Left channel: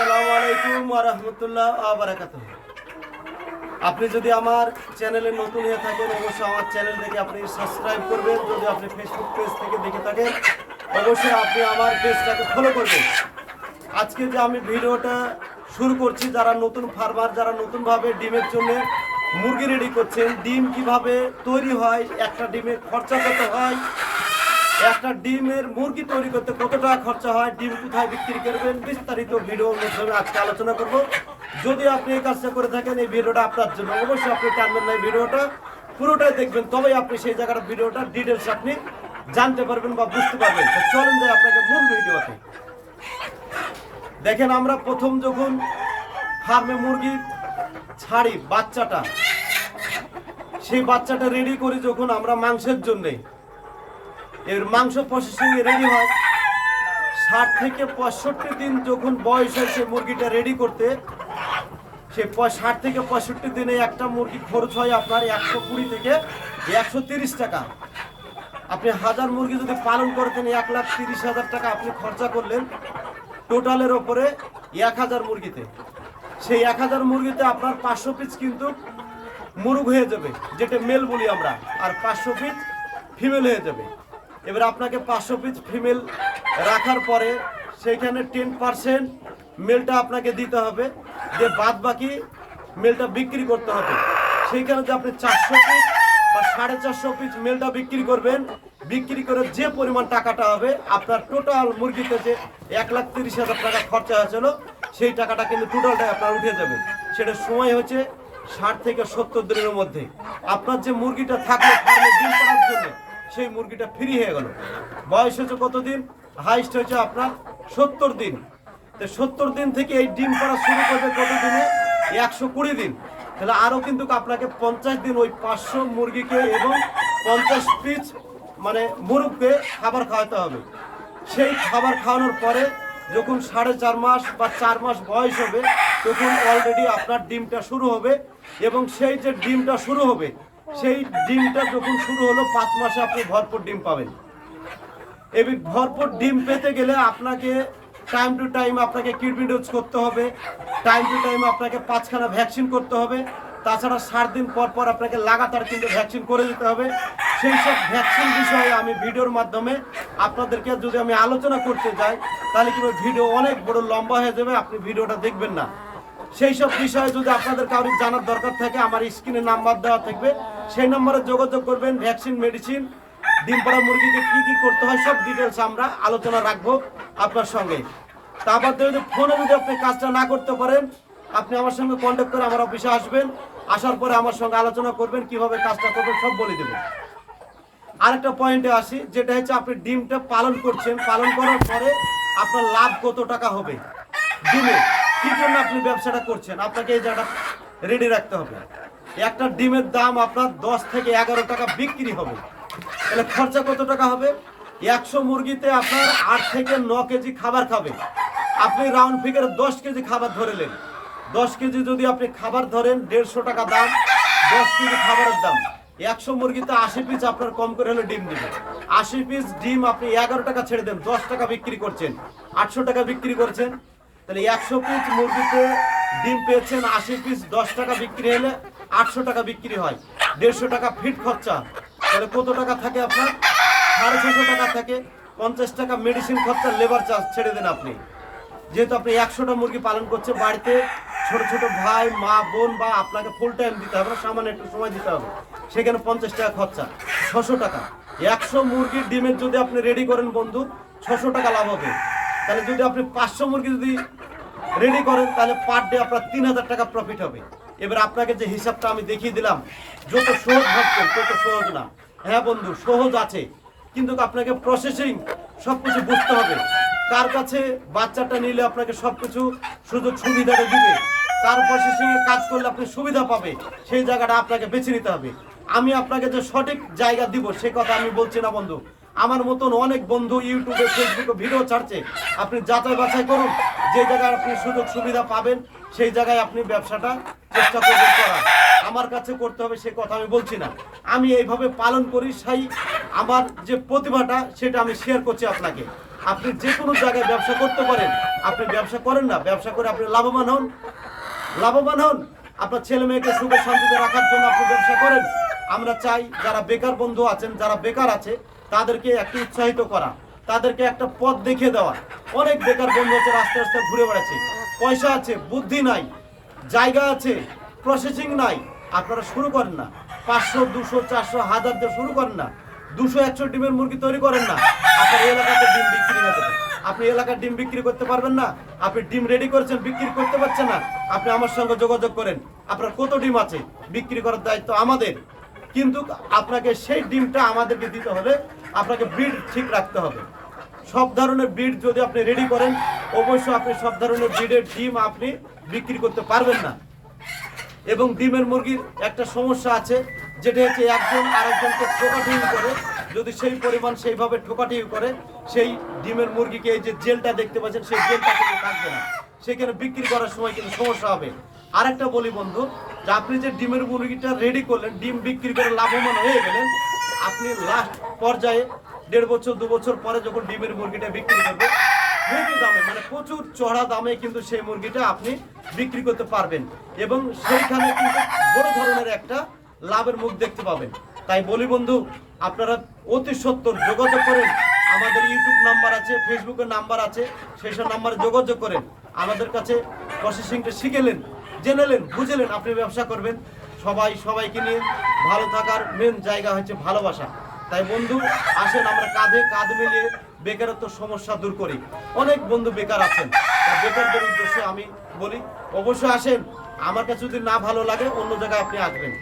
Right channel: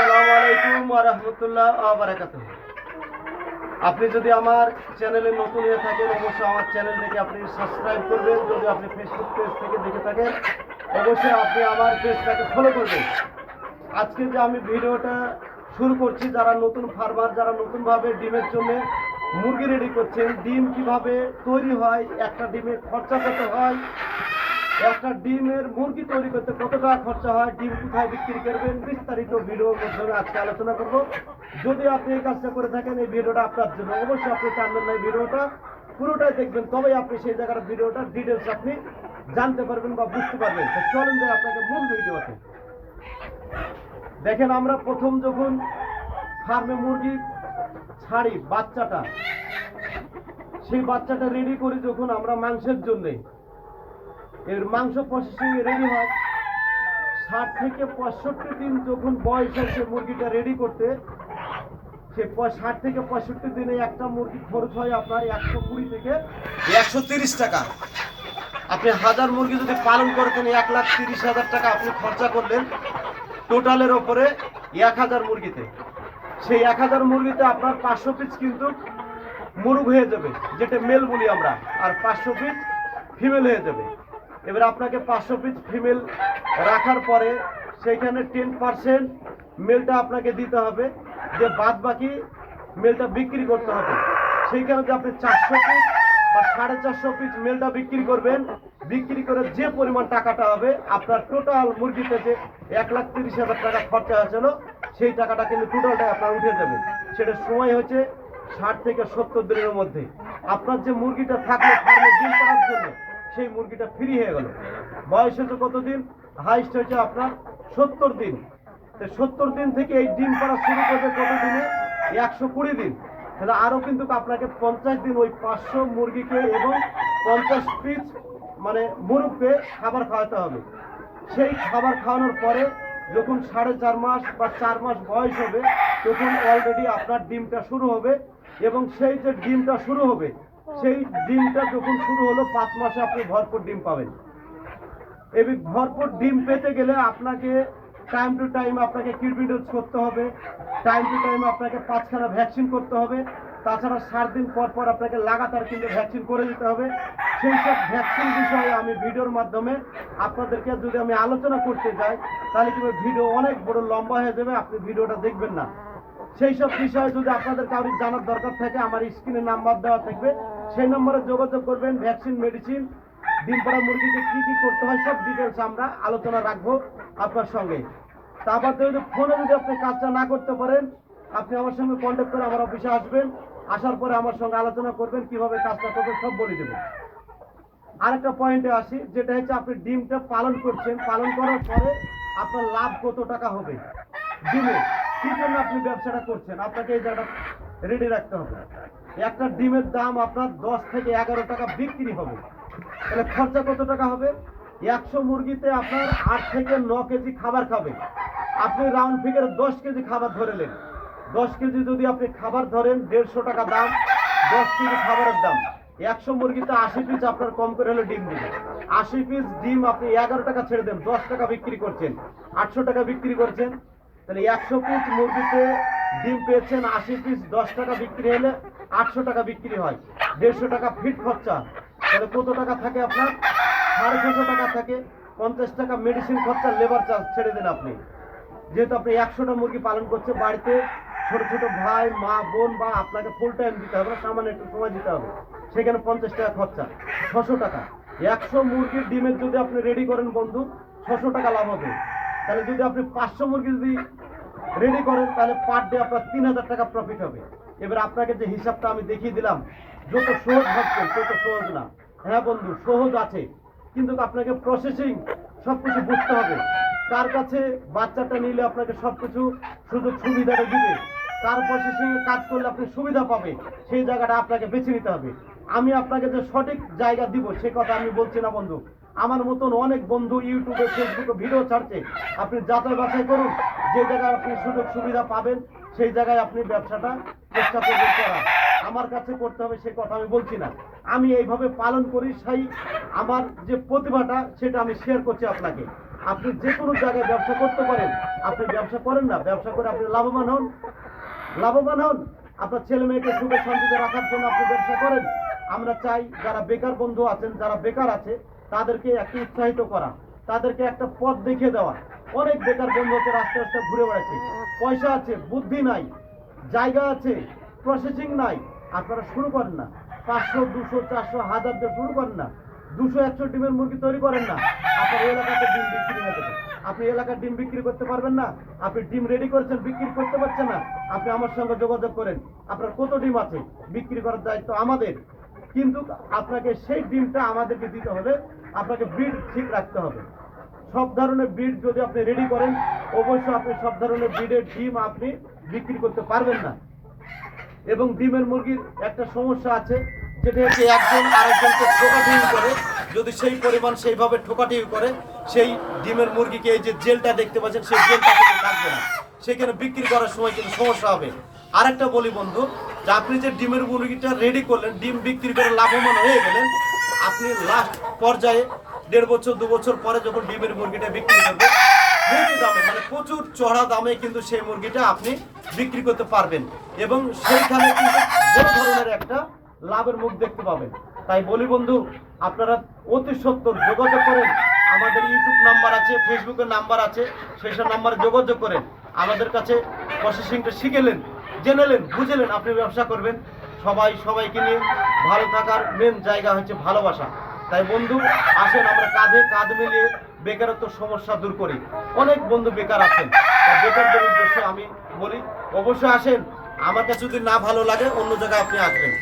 আসসালামু আলাইকুম রহমতুল্লাহ আবরাকাত আপনি যদি আমার চ্যানেলে নতুন হয়ে থাকেন, অবশ্যই আমার চ্যানেল থেকে আপনি সাবস্ক্রাইব করবেন। যদি আপনি ফেসবুক পেজ থেকে দেখে থাকেন, অবশ্যই আপনি আমার পেজটাকে ফলো করবেন। আজকে যে আমি ভিডিওটা শুরু করছি, যারা নতুন ফার্মার যারা নতুনভাবে ডিমের জন্য মুরগি রেডি করছেন, ডিম কীভাবে তৈরি হয়, একটা ডিমের খরচা কত হয় একটা ডিমের মুরগি তৈরি করতে কত টাকা খরচা হয়, ডিম কোথায় বিক্রি করবেন, বিস্তারিত ভিডিওর মাধ্যমে আজকে আলোচনা করব। যদি আপনি এই কাজটা করে থাকেন, এই ভিডিওটা আপনার জন্য, অবশ্যই আপনি টানবেন না ভিডিওটা। পুরোটাই দেখবেন, তবেই আপনি সেই জায়গার ভিডিওটা ডিটেলস আপনি জানতে পারবেন বা বুঝতে পারবেন। তো চলুন যাই আপনাকে মূল ভিডিওতে। দেখেন আমরা প্রথম যখন ফার্মে মুরগি ছাড়ি বাচ্চাটা, সেই বাচ্চাটা রেডি করি যখন আমরা মাংসের জন্যে। এর মাংস প্রসেসিং রেডি হয়। ষাট থেকে পঁয়ষট্টি দিন যখন বয়স হয় সে মুরগিটা রেডি করতে, সে ষাট থেকে পঁয়ষট্টি দিনে একটা মুরগি খরচ হয় আপনার একশো কুড়ি থেকে একশো তিরিশ টাকা। আপনি হাজার মুরগি যদি পালন করতেন এক লাখ তিরিশ হাজার টাকা আপনি খরচা করলেন টোটালের ওপরে এক হাজার মুরগিতে। সেই এক হাজার মুরগিতে আপনার পাঁচশো পিস কিন্তু মুরগ হয়ে যাবে, যেটা মেল বলি আমরা, আর পাঁচশো পিস ফিমেল হয়ে যাবে। এবার আপনাকে পাঁচশো পিস ফিমেল রাখার পরে সেইখানে টেন পার্সেন্ট মেলটা আপনাকে দিতে হবে। যে বাদ বাকি মেলটা বিক্রি করতে হবে। সেইখানে যে আপনি চারশো পিস বা সাড়ে চারশো পিস মেলটা বিক্রি করবেন, বিক্রি করে যে পরিমাণ টাকাটা হবে, আপনার টোটাল মুরগিতে যে এক লাখ তিরিশ হাজার টাকা খরচা হয়েছিল, সেই টাকাটা কিন্তু টোটালটাই আপনার উঠে যাবে। সেটা সময় হচ্ছে ষাট থেকে সত্তর দিনের মধ্যে। আপনার যে মুরগিটা থাকল ফার্মে ডিম করার জন্য সেই মুরগিটা ফ্রি হয়ে গেল। বয়স হচ্ছে কতদিন? হাইস্ট হয়েছে আপনার সত্তর দিন। তো সত্তর দিন থেকে এই ডিম পাড়া শুরু করবে কত দিনে একশো কুড়ি দিন। তাহলে আরও কিন্তু আপনাকে পঞ্চাশ দিন ওই পাঁচশো মুরগিকে এবং পঞ্চাশ পিস মানে মুরগকে খাবার খাওয়াতে হবে। সেই খাবার খাওয়ানোর পরে যখন সাড়ে চার মাস বা চার মাস বয়স হবে, তখন অলরেডি আপনার ডিমটা শুরু হবে এবং সেই যে ডিমটা শুরু হবে সেই ডিমটা যখন শুরু হলো, পাঁচ মাসে আপনি ভরপুর ডিম পাবেন। এই ভরপুর ডিম পেতে গেলে আপনাকে টাইম টু টাইম আপনাকে কিডনি ডোজ করতে হবে টাইম টু টাইম আপনাকে পাঁচখানা ভ্যাকসিন করতে হবে, তাছাড়া সাত দিন পর পর আপনাকে লাগাতার কিন্তু ভ্যাকসিন করে দিতে হবে। সেই সব ভ্যাকসিন বিষয়ে আমি ভিডিওর মাধ্যমে আপনাদেরকে যদি আমি আলোচনা করতে যাই, তাহলে কিন্তু ভিডিও অনেক বড় লম্বা হয়ে যাবে, আপনি ভিডিওটা দেখবেন না। সেই সব বিষয়ে যদি আপনাদের কারোর জানার দরকার থাকে, আমার স্ক্রিনে নাম্বার দেওয়া থাকবে। সেই নম্বরে যোগাযোগ করবেন, ভ্যাকসিন, মেডিসিন ডিম পাড়া মুরগিকে কী কী করতে হয়, সব ডিটেলস আমরা আলোচনা রাখব আপনার সঙ্গে। তারপর যদি ফোনে যদি আপনি কাজটা না করতে পারেন, আপনি আমার সঙ্গে কন্ট্যাক্ট করে আমার অফিসে আসবেন। আসার পরে আমার সঙ্গে আলোচনা করবেন, কীভাবে কাজটা করবেন, সব বলে দেবেন আরেকটা পয়েন্টে আসি, যেটা হচ্ছে আপনি ডিমটা পালন করছেন, পালন করার পরে আপনার লাভ কত টাকা হবে? ডিমে। কি জন্য আপনি ব্যবসাটা করছেন? আপনাকে এই জায়গাটা রেডি রাখতে হবে। একটা ডিমের দাম আপনার দশ থেকে এগারো টাকা বিক্রি হবে। তাহলে খরচা কত টাকা হবে? একশো মুরগিতে আপনার আট থেকে ন কেজি খাবার খাবে। আপনি রাউন্ড ফিগারে দশ কেজি খাবার ধরেলেন দশ কেজি যদি আপনি খাবার ধরেন, দেড়শো টাকা দাম, দশ কেজি খাবারের দাম। একশো মুরগিতে আশি পিস আপনার কম করে হলে ডিম দিবে আশি পিস ডিম আপনি এগারো টাকা ছেড়ে দেন, দশ টাকা বিক্রি করছেন, আটশো টাকা বিক্রি করছেন তাহলে একশো পিস মুরগিতে ডিম পেয়েছেন আশি পিস দশ টাকা বিক্রি হলে আটশো টাকা বিক্রি হয়। দেড়শো টাকা ফিট খরচা। তাহলে কত টাকা থাকে আপনার? সাড়ে ছশো টাকা থাকে। পঞ্চাশ টাকা মেডিসিন খরচা লেবার চার্জ ছেড়ে দেন আপনি। যেহেতু আপনি একশোটা মুরগি পালন করছে বাড়িতে, ছোট ছোট ভাই, মা, বোন বা আপনাকে ফুল টাইম দিতে হবে সামান্য একটু সময় দিতে হবে। সেখানে পঞ্চাশ টাকা খরচা, ছশো টাকা। একশো মুরগির ডিমের যদি আপনি রেডি করেন বন্ধু, ছশো টাকা লাভ হবে। তাহলে যদি আপনি পাঁচশো মুরগি যদি রেডি করেন, তাহলে পার ডে আপনার তিন হাজার টাকা প্রফিট হবে। এবার আপনাকে যে হিসাবটা আমি দেখিয়ে দিলাম, যত সহজ ভাবছেন তত সহজ না। হ্যাঁ বন্ধু, সহজ আছে। কিন্তু আপনাকে প্রসেসিং সব কিছু বুঝতে হবে। কার কাছে বাচ্চাটা নিলে আপনাকে সব কিছু সুযোগ সুবিধাটা দিবে, কার প্রসেসিংয়ে কাজ করলে আপনি সুবিধা পাবে, সেই জায়গাটা আপনাকে বেছে নিতে হবে। আমি আপনাকে যে সঠিক জায়গা দিব, সে কথা আমি বলছি না বন্ধু। আমার মতন অনেক বন্ধু ইউটিউবে, ফেসবুকে ভিডিও ছাড়ছে। আপনি যাচাই বাছাই করুন, যে জায়গায় আপনি সুযোগ সুবিধা পাবেন, সেই জায়গায় আপনি ব্যবসাটা চেষ্টা করবেন করার। আমার কাছে করতে হবে সে কথা আমি বলছি না। আমি এইভাবে পালন করি, সেই আমার যে প্রতিভাটা, সেটা আমি শেয়ার করছি আপনাকে। আপনি যে কোনো জায়গায় ব্যবসা করতে পারেন। আপনি ব্যবসা করেন না, ব্যবসা করে আপনি লাভবান হন। লাভবান হন। আপনার ছেলে মেয়েকে সুখে শান্তিতে রাখার জন্য আপনি ব্যবসা করেন। আমরা চাই যারা বেকার বন্ধু আছেন, যারা বেকার আছে তাদেরকে একটু উৎসাহিত করা, তাদেরকে একটা পথ দেখিয়ে দেওয়া। অনেক বেকার বন্ধু আছে রাস্তা রাস্তা ঘুরে বেড়াচ্ছে। পয়সা আছে, বুদ্ধি নাই, জায়গা আছে প্রসেসিং নাই। আপনারা শুরু করেন না। পাঁচশো, দুশো, চারশো, হাজার দিয়ে শুরু করেন না। দুশো, একশো ডিমের মুরগি তৈরি করেন না। আপনার এলাকাতে ডিম বিক্রি না আপনি এলাকার ডিম বিক্রি করতে পারবেন না। আপনি ডিম রেডি করেছেন, বিক্রি করতে পারছেন না। আপনি আমার সঙ্গে যোগাযোগ করেন। আপনার কত ডিম আছে? বিক্রি করার দায়িত্ব আমাদের। কিন্তু আপনাকে সেই ডিমটা আমাদেরকে দিতে হবে। আপনাকে ব্রিড ঠিক রাখতে হবে। সব ধরনের ব্রিড যদি আপনি রেডি করেন, অবশ্যই আপনি সব ধরনের ব্রিডের ডিম আপনি বিক্রি করতে পারবেন না। এবং ডিমের মুরগির একটা সমস্যা আছে, যেটা হচ্ছে একজন আরেকজনকে ঠোকাঠুকি করে। যদি সেই পরিমাণ সেইভাবে ঠোকাঠুকি করে, সেই ডিমের মুরগিকে এই যে জেলটা দেখতে পাচ্ছেন, সেই জেলটা কিন্তু থাকবে না। সেখানে বিক্রি করার সময় কিন্তু সমস্যা হবে। আরেকটা বলি বন্ধু যে আপনি যে ডিমের মুরগিটা রেডি করলেন, ডিম বিক্রি করে লাভবান হয়ে গেলেন। আপনি লাস্ট পর্যায়ে দেড় বছর, দু বছর পরে যখন ডিমের মুরগিটা বিক্রি করবে হেভি দামে মানে প্রচুর চড়া দামে কিন্তু সেই মুরগিটা আপনি বিক্রি করতে পারবেন। এবং সেইখানে কিন্তু বড় ধরনের একটা লাভের মুখ দেখতে পাবেন। তাই বলি বন্ধু, আপনারা অতি সত্তর যোগাযোগ করেন। আমাদের ইউটিউব নাম্বার আছে ফেসবুকের নাম্বার আছে, সেই সব নাম্বারে যোগাযোগ করেন। আমাদের কাছে প্রসেসিংটা শিখেলেন জেনেলেন বুঝেলেন আপনি ব্যবসা করবেন। সবাই, সবাইকে নিয়ে ভালো থাকার মেন জায়গা হচ্ছে ভালোবাসা। তাই বন্ধু, আসেন আমরা কাঁধে কাঁধ মিলিয়ে বেকারত্ব সমস্যা দূর করি। অনেক বন্ধু বেকার আছেন। বেকারদের উদ্দেশ্যে আমি বলি, অবশ্যই আসেন। আমার কাছে যদি না ভালো লাগে, অন্য জায়গায় আপনি আসবেন।